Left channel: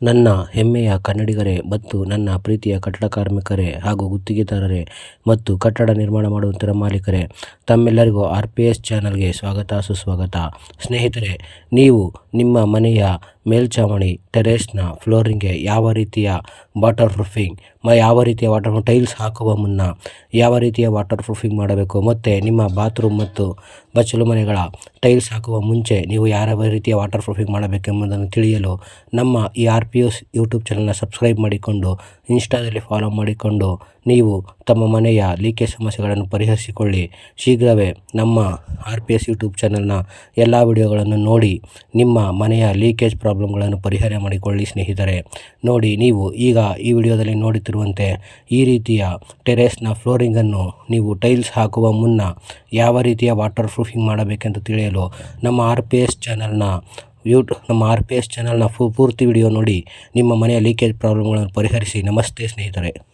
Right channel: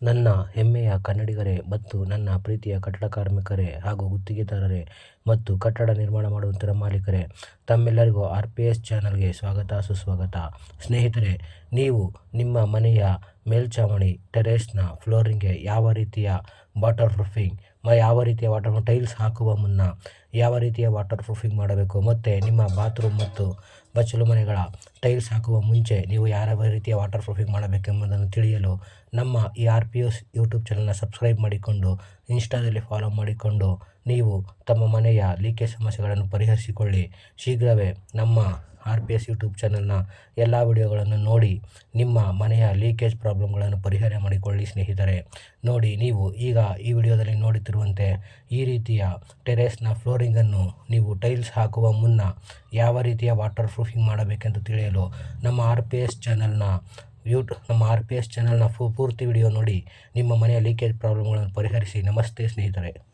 ನನ್ನ ಹೆಮ್ಮೆಯ ಕನ್ನಡಿಗರೇ ಮತ್ತು ನನ್ನ ಪ್ರೀತಿಯ ಕಟ್ಟಡ ಕಾರ್ಮಿಕರೇ ಹಾಗೂ ಗುತ್ತಿಗೆದಾರರೇ ಮತ್ತು ಕಟ್ಟಡ ನಿರ್ಮಾಣ ಮಾಡುವಂತಹ ಮಾಲೀಕರೇ, ತಮ್ಮೆಲ್ಲರಿಗೂ RPS ಚಾನಲ್ಗೆ ಸ್ವಾಗತ ಸುಸ್ವಾಗತ. ಸ್ನೇಹಿತರೆ, ನೀವು ನಿಮ್ಮ ಮನೆಯ ಮೇಲ್ಛಾವಣಿ ಟೆರೇಸ್ನ ಫ್ಲೋರಿಂಗ್ಗೆ ಯಾವ ರೀತಿಯ ವಾಟರ್ ಪ್ರೂಫಿಂಗ್ ಟೈಲ್ಸ್ ಹಾಕುವ ಮುನ್ನ ಯಾವ ರೀತಿಯ ವಾಟರ್ ಪ್ರೂಫಿಂಗ್ ಮಾಡಬೇಕು ಮತ್ತು ನಿಮ್ಮ ಬಾತ್ರೂಮ್ ಮತ್ತು ಬಚ್ಚಲು ಮನೆಗಳ ಟೈಲ್ಸ್ ಹಾಕುವ ಮುಂಚೆ ನೀವು ಯಾವ ರೀತಿಯ ವಾಟರ್ ಪ್ರೂಫಿಂಗ್ ಮಾಡಬೇಕೆಂಬುದನ್ನು ತಿಳಿಯಲು ನಮ್ಮ ಈ RPS ಯೂಟ್ಯೂಬ್ ಚಾನಲ್ನ ಸಬ್ಸ್ಕ್ರೈಬ್ ಮಾಡಿಕೊಂಡು ಇನ್ಸ್ಟಾದಲ್ಲಿ ಫಾಲೋ ಮಾಡಿಕೊಂಡು ನೀವು ತಮ್ಮ ಮನೆಯ ಲೀಕೇಜ್ ಸಮಸ್ಯೆಗಳನ್ನು ಪರಿಹರಿಸಿಕೊಳ್ಳಿ. ಶೀಘ್ರವೇ ನಮ್ಮ RPS ಯೂಟ್ಯೂಬ್ ಚಾನಲ್ನ ಎಲ್ಲ ವಿಡಿಯೋಗಳನ್ನು ನೋಡಿ ನಿಮ್ಮ ಮನೆಯ ಲೀಕೇಜ್ ಪ್ರಾಬ್ಲಮ್ಗಳನ್ನು ಪರಿಹಾರ ಮಾಡಿಕೊಳ್ಳಿ. ಸ್ನೇಹಿತರೆ, ನೋಡಿ, ನೀವು ಈಗ ಈ ವಿಡಿಯೋದಲ್ಲಿ ನೋಡುತ್ತಿರುವಂತೆ ಈ ರೀತಿಯ ಟೆರೇಸ್ನ ಫ್ಲೋರಿಂಗನ್ನು ನೀವು ಟೈಲ್ಸ್ ಹಾಕುವ ಮುನ್ನ ಯಾವ ರೀತಿಯ ವಾಟರ್ ಪ್ರೂಫಿಂಗ್ ಮಾಡಬೇಕೆಂದು ತಿಳಿಯಲು ನಮ್ಮ RPS ಚಾನಲ್ನ ಪೂರ್ತಿ ವಿಡಿಯೋ ನೋಡಿ ನಿಮ್ಮ ಮನೆಯ ಲೀಕೇಜ್ ಪ್ರಾಬ್ಲಮ್ಗಳನ್ನು ಪರಿಹರಿಸಿ. ನಮಸ್ತೆ ಸ್ನೇಹಿತರೆ.